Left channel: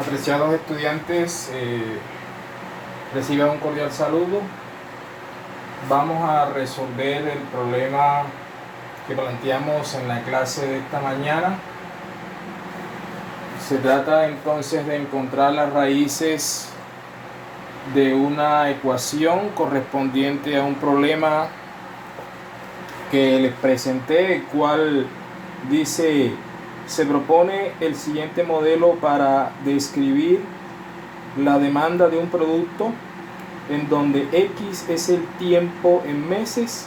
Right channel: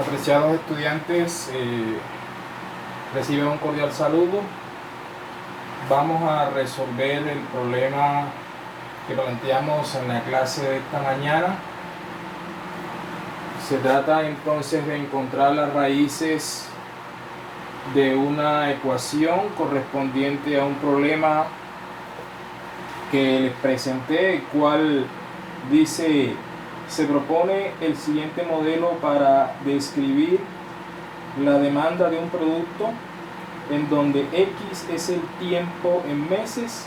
Apreciados estudiantes, reciban un cordial saludo. Vamos a resolver el problema que planteamos en la clase de esta mañana. Se trata entonces de encontrar las raíces de una ecuación correspondiente a un problema que les presenté, el cual dice: se propone el siguiente modelo para describir la demanda de un producto en donde X es el tiempo en meses.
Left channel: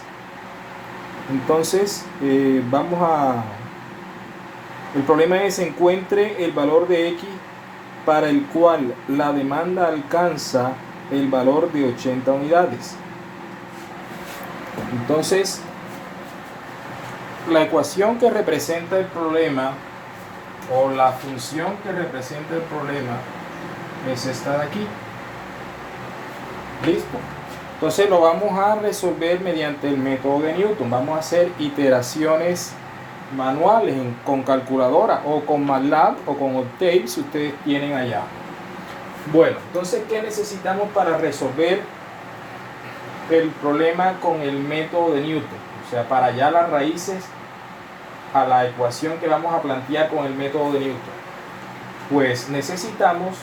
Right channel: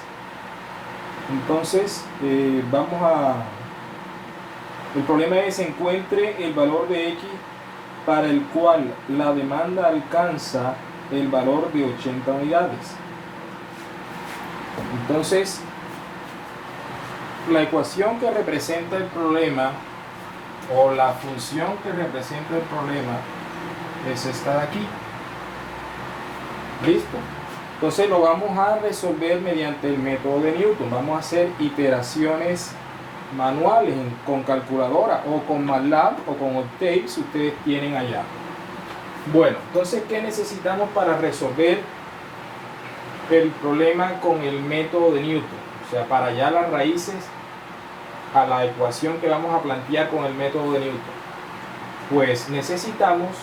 Entonces el problema es: encuentre el valor de X para el cual la demanda alcanza el valor de 80 unidades. Entonces, la ecuación que representa el problema, o la función que representa el problema, es esta de aquí. ¿Listo? Entonces lo vamos a resolver mediante el método de Newton. Vamos a hacer iteraciones manuales con calculadora o con MATLAB o con Octave si ustedes tienen allá. Bueno, entonces, ¿qué necesitamos para resolver el problema con el método de Newton? O sea, para hallar las raíces a la ecuación que vamos a plantear con el método de Newton. Pues necesitamos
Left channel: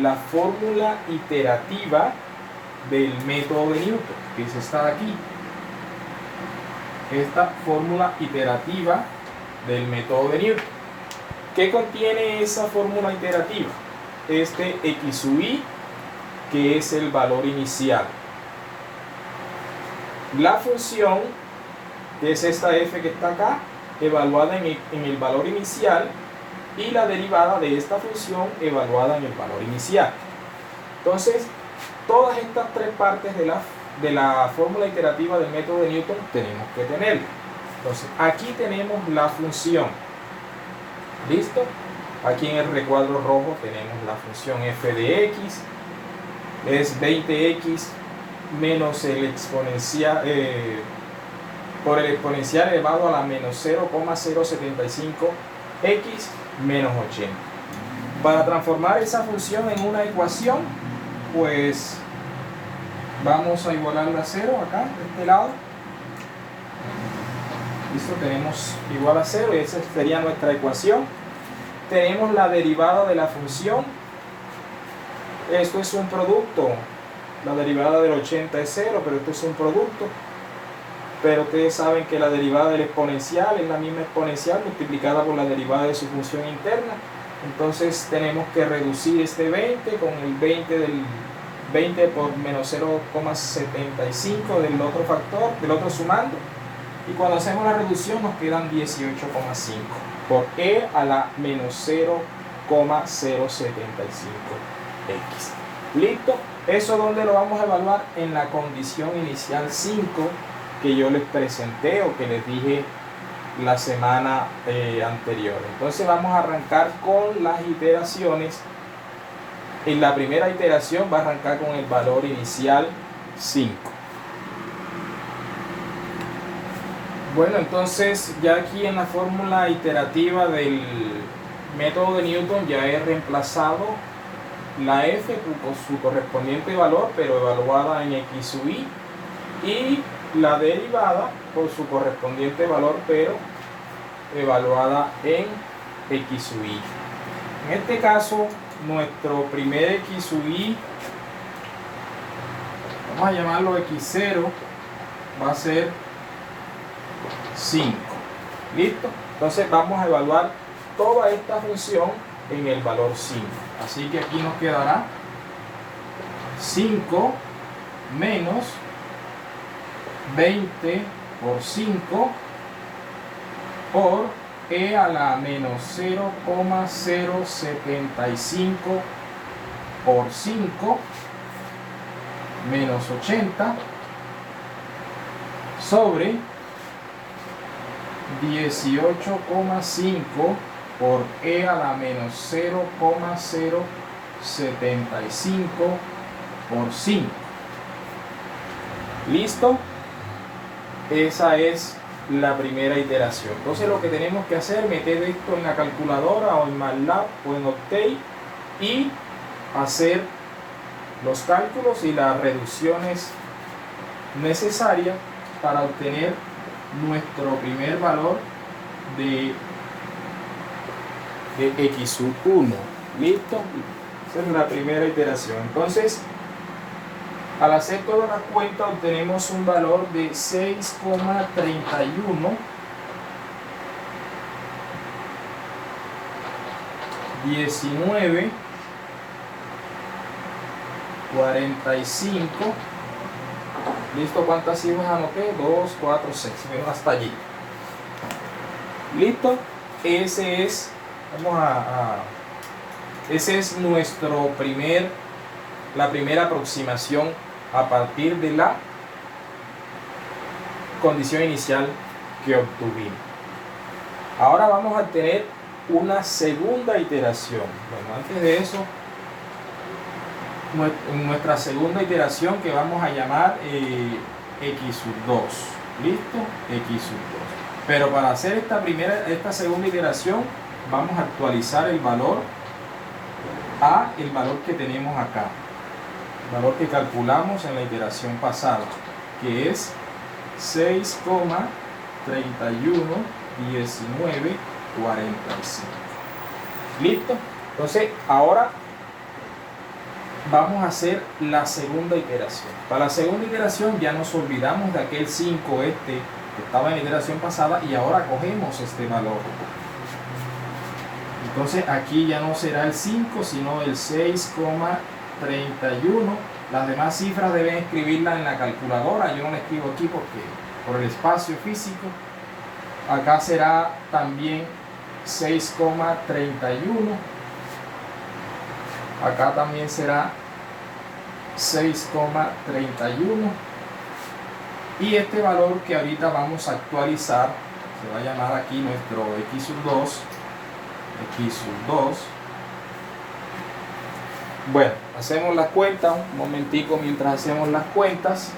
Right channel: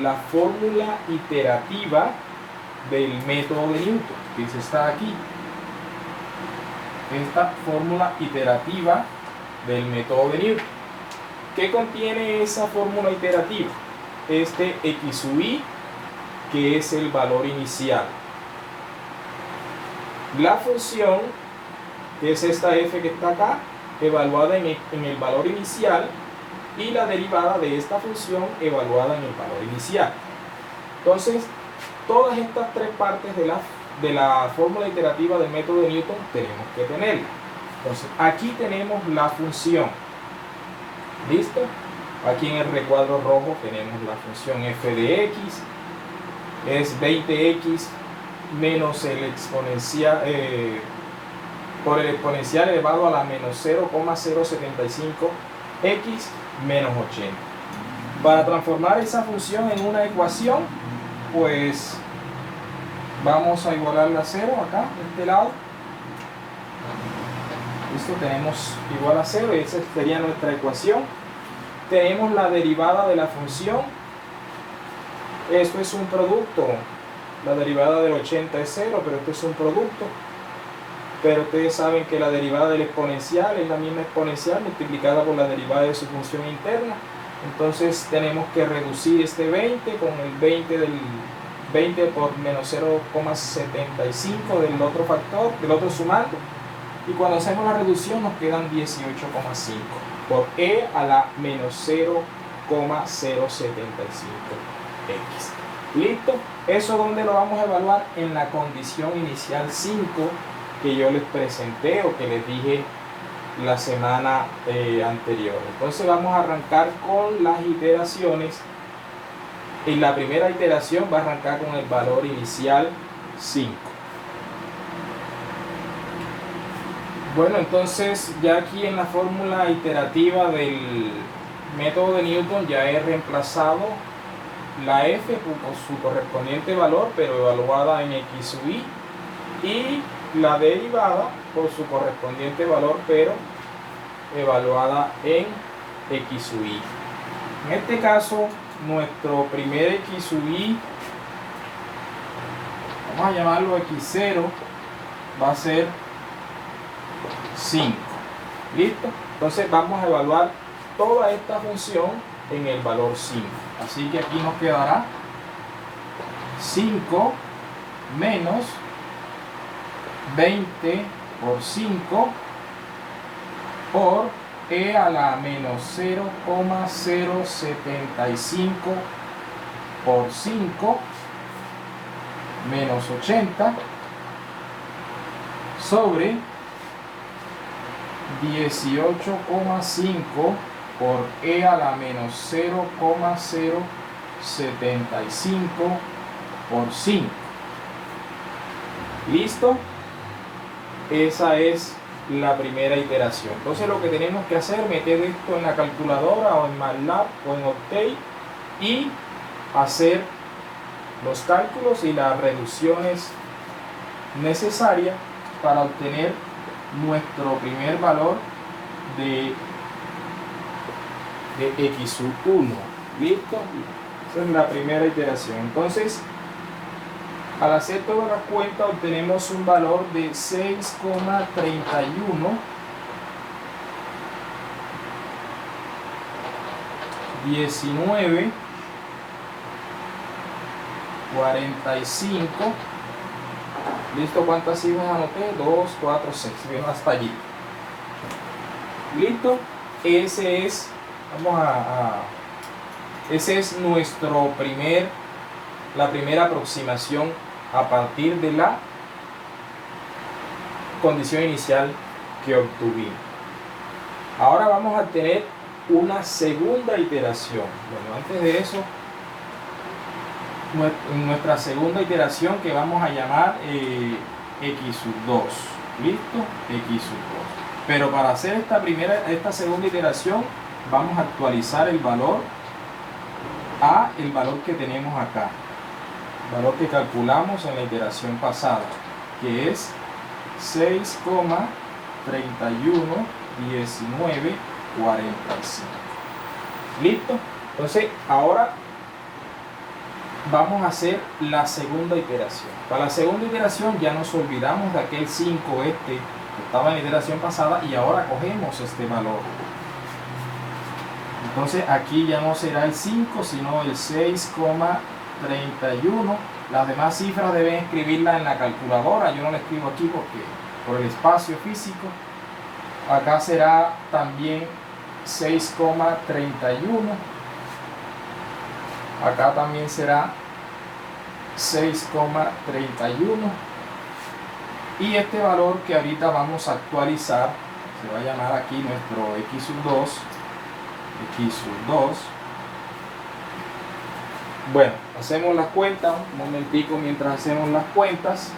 la fórmula iterativa del método de Newton, que es esta de aquí. Esta fórmula iterativa del método de Newton. ¿Qué contiene esa fórmula iterativa? Este X sub I, que es el valor inicial. La función, que es esta f que está acá, evaluada en el valor inicial, y la derivada de esta función evaluada en el valor inicial. Entonces, todas estas tres partes de la fórmula iterativa del método de Newton tenemos que tenerla. Entonces, aquí tenemos la función. ¿Listo? Aquí en el recuadro rojo tenemos la función f de x. Es 20x menos el exponencial por el exponencial elevado a la menos 0,075 x menos 80. Para transformar esa función en una ecuación, pues vamos a igualarla a 0 acá, de este lado. Listo, tenemos igual a 0 y esa sería nuestra ecuación. Tenemos la derivada de la función. Esto es un producto. La derivada del 80 es 0, pero esto es un producto. Pero ustedes saben que la derivada del exponencial es la misma exponencial multiplicada por la derivada de su función interna. Entonces tenemos que reducir este 20 con el 20 por menos 0,75 del otro factor, del otro sumando. Y cuando hacemos la reducción nos quedan 18,5 por e a la menos 0,075x. ¿Listo? ¿Eso dónde lo vamos a evaluar? En la condición inicial 5 que yo les presenté o que les dije la semana anterior. Entonces vamos a arrancar con las iteraciones. En la primera iteración va a arrancar con el valor inicial 5. Bueno, entonces ya aquí en la fórmula iterativa del método de Newton ya he reemplazado la f por su correspondiente valor, pero evaluada en x sub i, y la derivada por su correspondiente valor, pero evaluada en x sub i. En este caso, nuestro primer x sub i, vamos a llamarlo x0, va a ser 5. ¿Listo? Entonces vamos a evaluar toda esta función en el valor 5. Así que aquí nos quedará 5 menos 20 por 5 por e a la menos 0,075 por 5 menos 80 sobre 18,5 por e a la menos 0,075 por 5. ¿Listo? Esa es la primera iteración. Entonces lo que tenemos que hacer es meter esto en la calculadora o en MATLAB o en Octave y hacer los cálculos y las reducciones necesarias para obtener nuestro primer valor de x sub 1. ¿Listo? Esa es la primera iteración. Entonces, al hacer toda la cuenta obtenemos un valor de 6,31 19 45. ¿Listo? ¿Cuántas cifras anoté? 2, 4, 6. Vemos hasta allí. ¿Listo? Ese es, ese es la primera aproximación a partir de la condición inicial que obtuvimos. Ahora vamos a tener una segunda iteración. Bueno, antes de eso, nuestra segunda iteración que vamos a llamar x sub 2. ¿Listo? X sub 2. Pero para hacer esta segunda iteración vamos a actualizar el valor a el valor que tenemos acá, el valor que calculamos en la iteración pasada, que es 6,31 19 45. ¿Listo? Entonces ahora vamos a hacer la segunda iteración. Para la segunda iteración ya nos olvidamos de aquel 5 que estaba en la iteración pasada y ahora cogemos este valor. Entonces aquí ya no será el 5 sino el 6,31. Las demás cifras deben escribirlas en la calculadora. Yo no la escribo aquí porque por el espacio físico. Acá será también 6,31. Acá también será 6,31. Y este valor que ahorita vamos a actualizar se va a llamar aquí nuestro x sub 2. X sub 2. Bueno, hacemos las cuentas. Un momentico mientras hacemos las cuentas.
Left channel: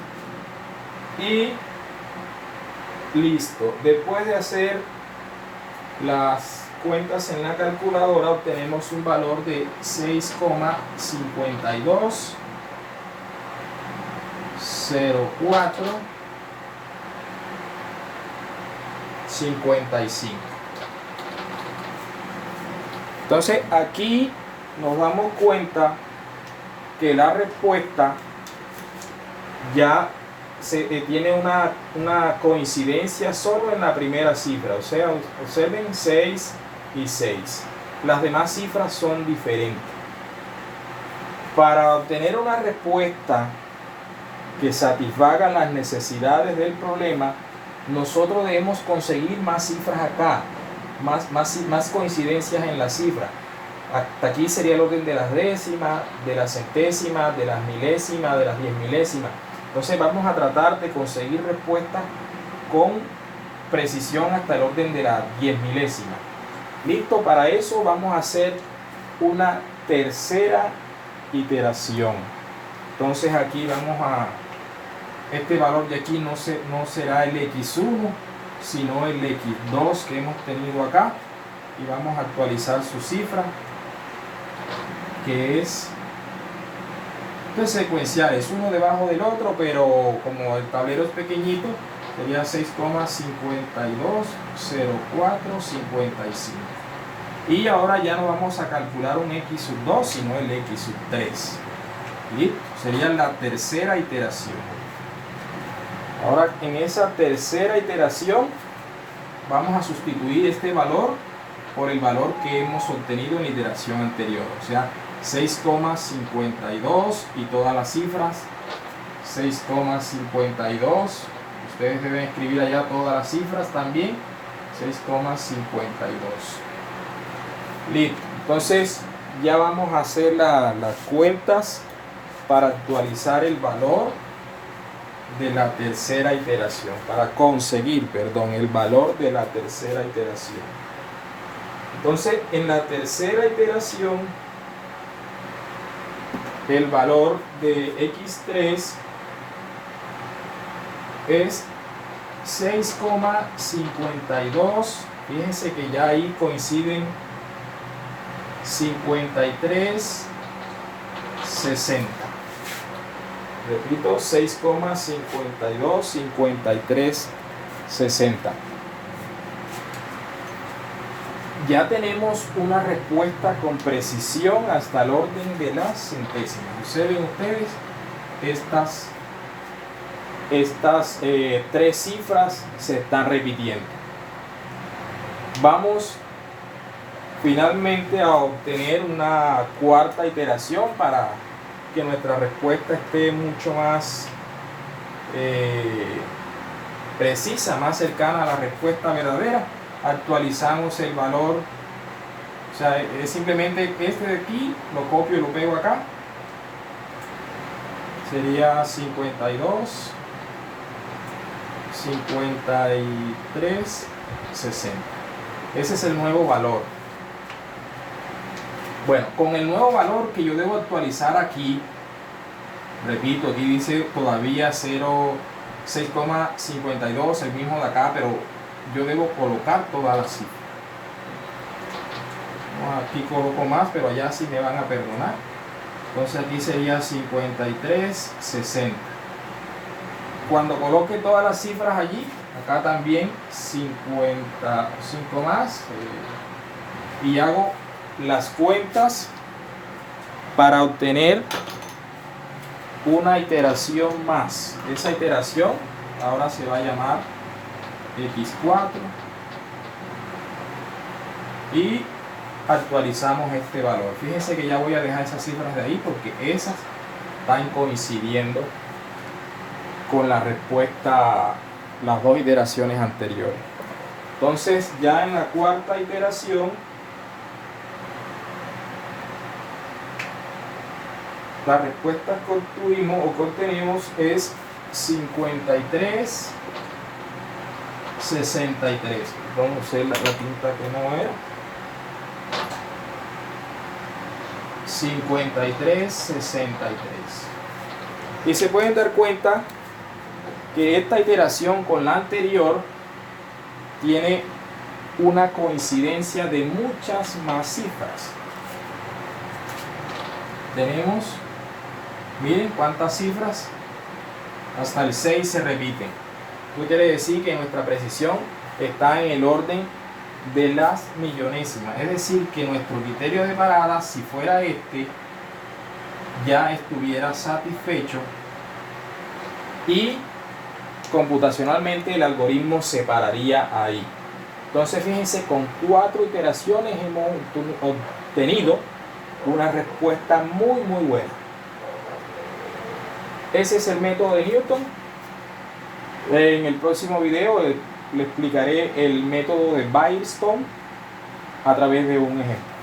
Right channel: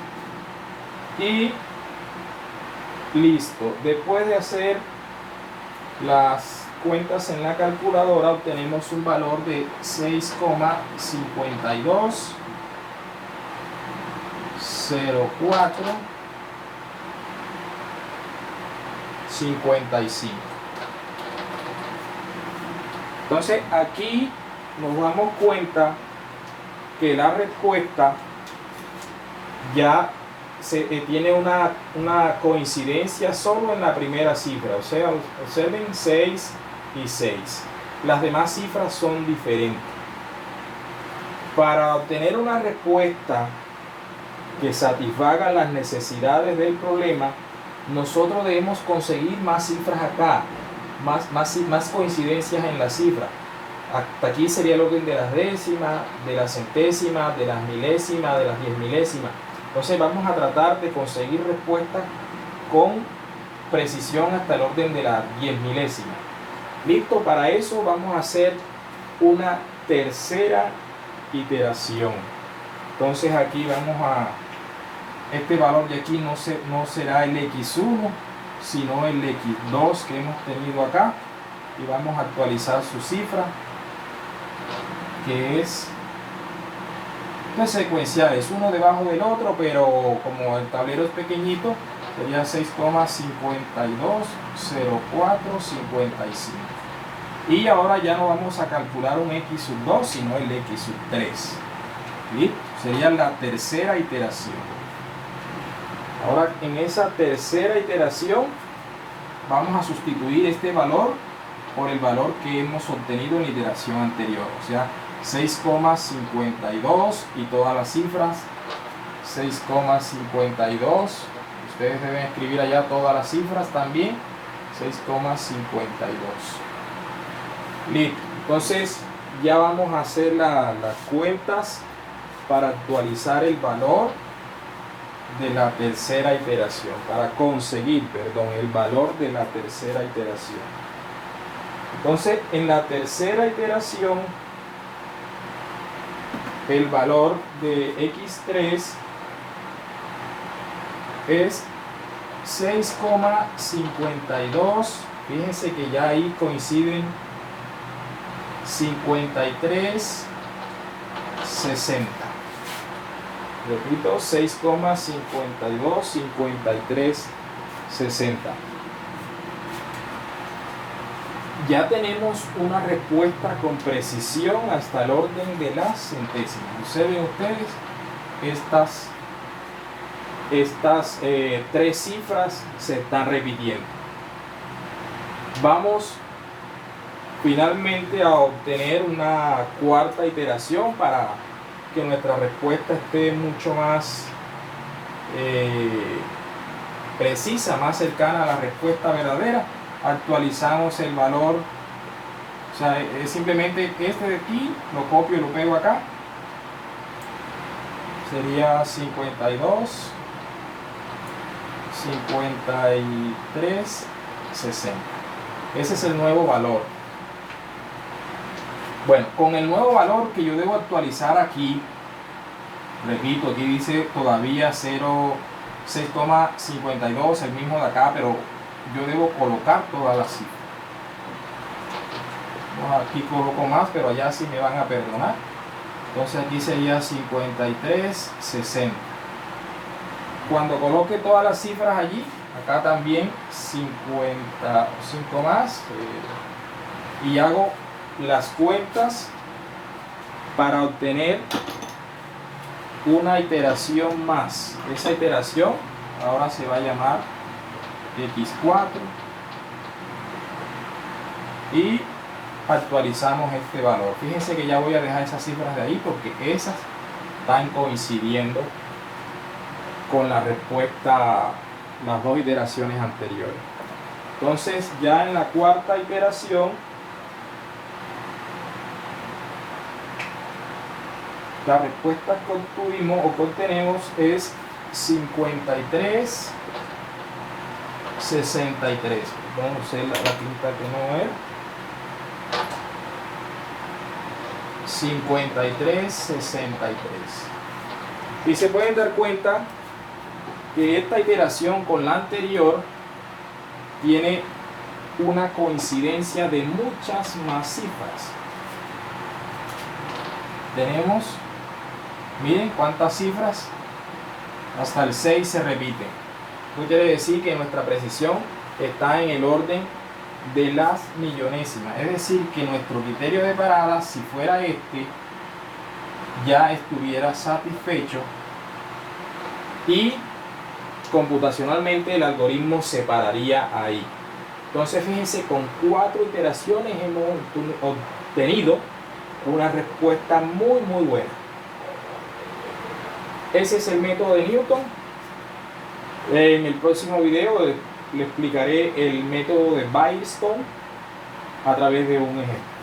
Y listo. Después de hacer las cuentas en la calculadora obtenemos un valor de 6,52 04 55. Entonces aquí nos damos cuenta que la respuesta ya tiene una coincidencia solo en la primera cifra. O sea, observen 6 y 6. Las demás cifras son diferentes. Para obtener una respuesta que satisfaga las necesidades del problema, nosotros debemos conseguir más cifras acá, más coincidencias en la cifra. Hasta aquí sería el orden de las décimas, de las centésimas, de las milésimas, de las 10 milésimas. Entonces vamos a tratar de conseguir respuestas con precisión hasta el orden de las 10 milésimas. Listo, para eso vamos a hacer una tercera iteración. Entonces aquí vamos a, este valor de aquí no será el x1, sino el x2 que hemos tenido acá. Y vamos a actualizar su cifra, que es secuencial, es uno debajo del otro, pero como el tablero es pequeñito, sería 6,52 04 55. Y ahora ya no vamos a calcular un x sub 2, sino el x sub 3. ¿Sí? Sería la tercera iteración. Ahora en esa tercera iteración vamos a sustituir este valor por el valor que hemos obtenido en la iteración anterior, o sea 6,52 y todas las cifras 6,52. Ustedes deben escribir allá todas las cifras también. 6,52. Listo. Entonces ya vamos a hacer las cuentas para actualizar el valor de la tercera iteración, para conseguir, el valor de la tercera iteración. Entonces en la tercera iteración el valor de x3 es 6,52. Fíjense que ya ahí coinciden 53,60. Repito, 6,52, 53,60. Ya tenemos una respuesta con precisión hasta el orden de las centésimas. Observen ustedes estas tres cifras se están repitiendo. Vamos finalmente a obtener una cuarta iteración para que nuestra respuesta esté mucho más precisa, más cercana a la respuesta verdadera. Actualizamos el valor, o sea, es simplemente este de aquí, lo copio y lo pego acá, sería 52, 53, 60. Ese es el nuevo valor. Bueno, con el nuevo valor que yo debo actualizar aquí, repito, aquí dice todavía 6,52, el mismo de acá, pero yo debo colocar todas las cifras. Aquí coloco más, pero allá sí me van a perdonar. Entonces aquí sería 53,60. Cuando coloque todas las cifras allí, acá también 55 más, y hago las cuentas para obtener una iteración más. Esa iteración ahora se va a llamar X4 y actualizamos este valor. Fíjense que ya voy a dejar esas cifras de ahí porque esas están coincidiendo con la respuesta, las dos iteraciones anteriores. Entonces ya en la cuarta iteración la respuesta que obtuvimos o que obtenemos es 53,63. Vamos a usar la tinta que no era. 53,63. Y se pueden dar cuenta que esta iteración con la anterior tiene una coincidencia de muchas más cifras. Tenemos, miren cuántas cifras, hasta el 6 se repiten. Esto quiere decir que nuestra precisión está en el orden de las millonésimas, es decir, que nuestro criterio de parada, si fuera este, ya estuviera satisfecho y computacionalmente el algoritmo se pararía ahí. Entonces fíjense, con 4 iteraciones hemos obtenido una respuesta muy buena. Ese es el método de Newton. En el próximo video le explicaré el método de Firestone a través de un ejemplo.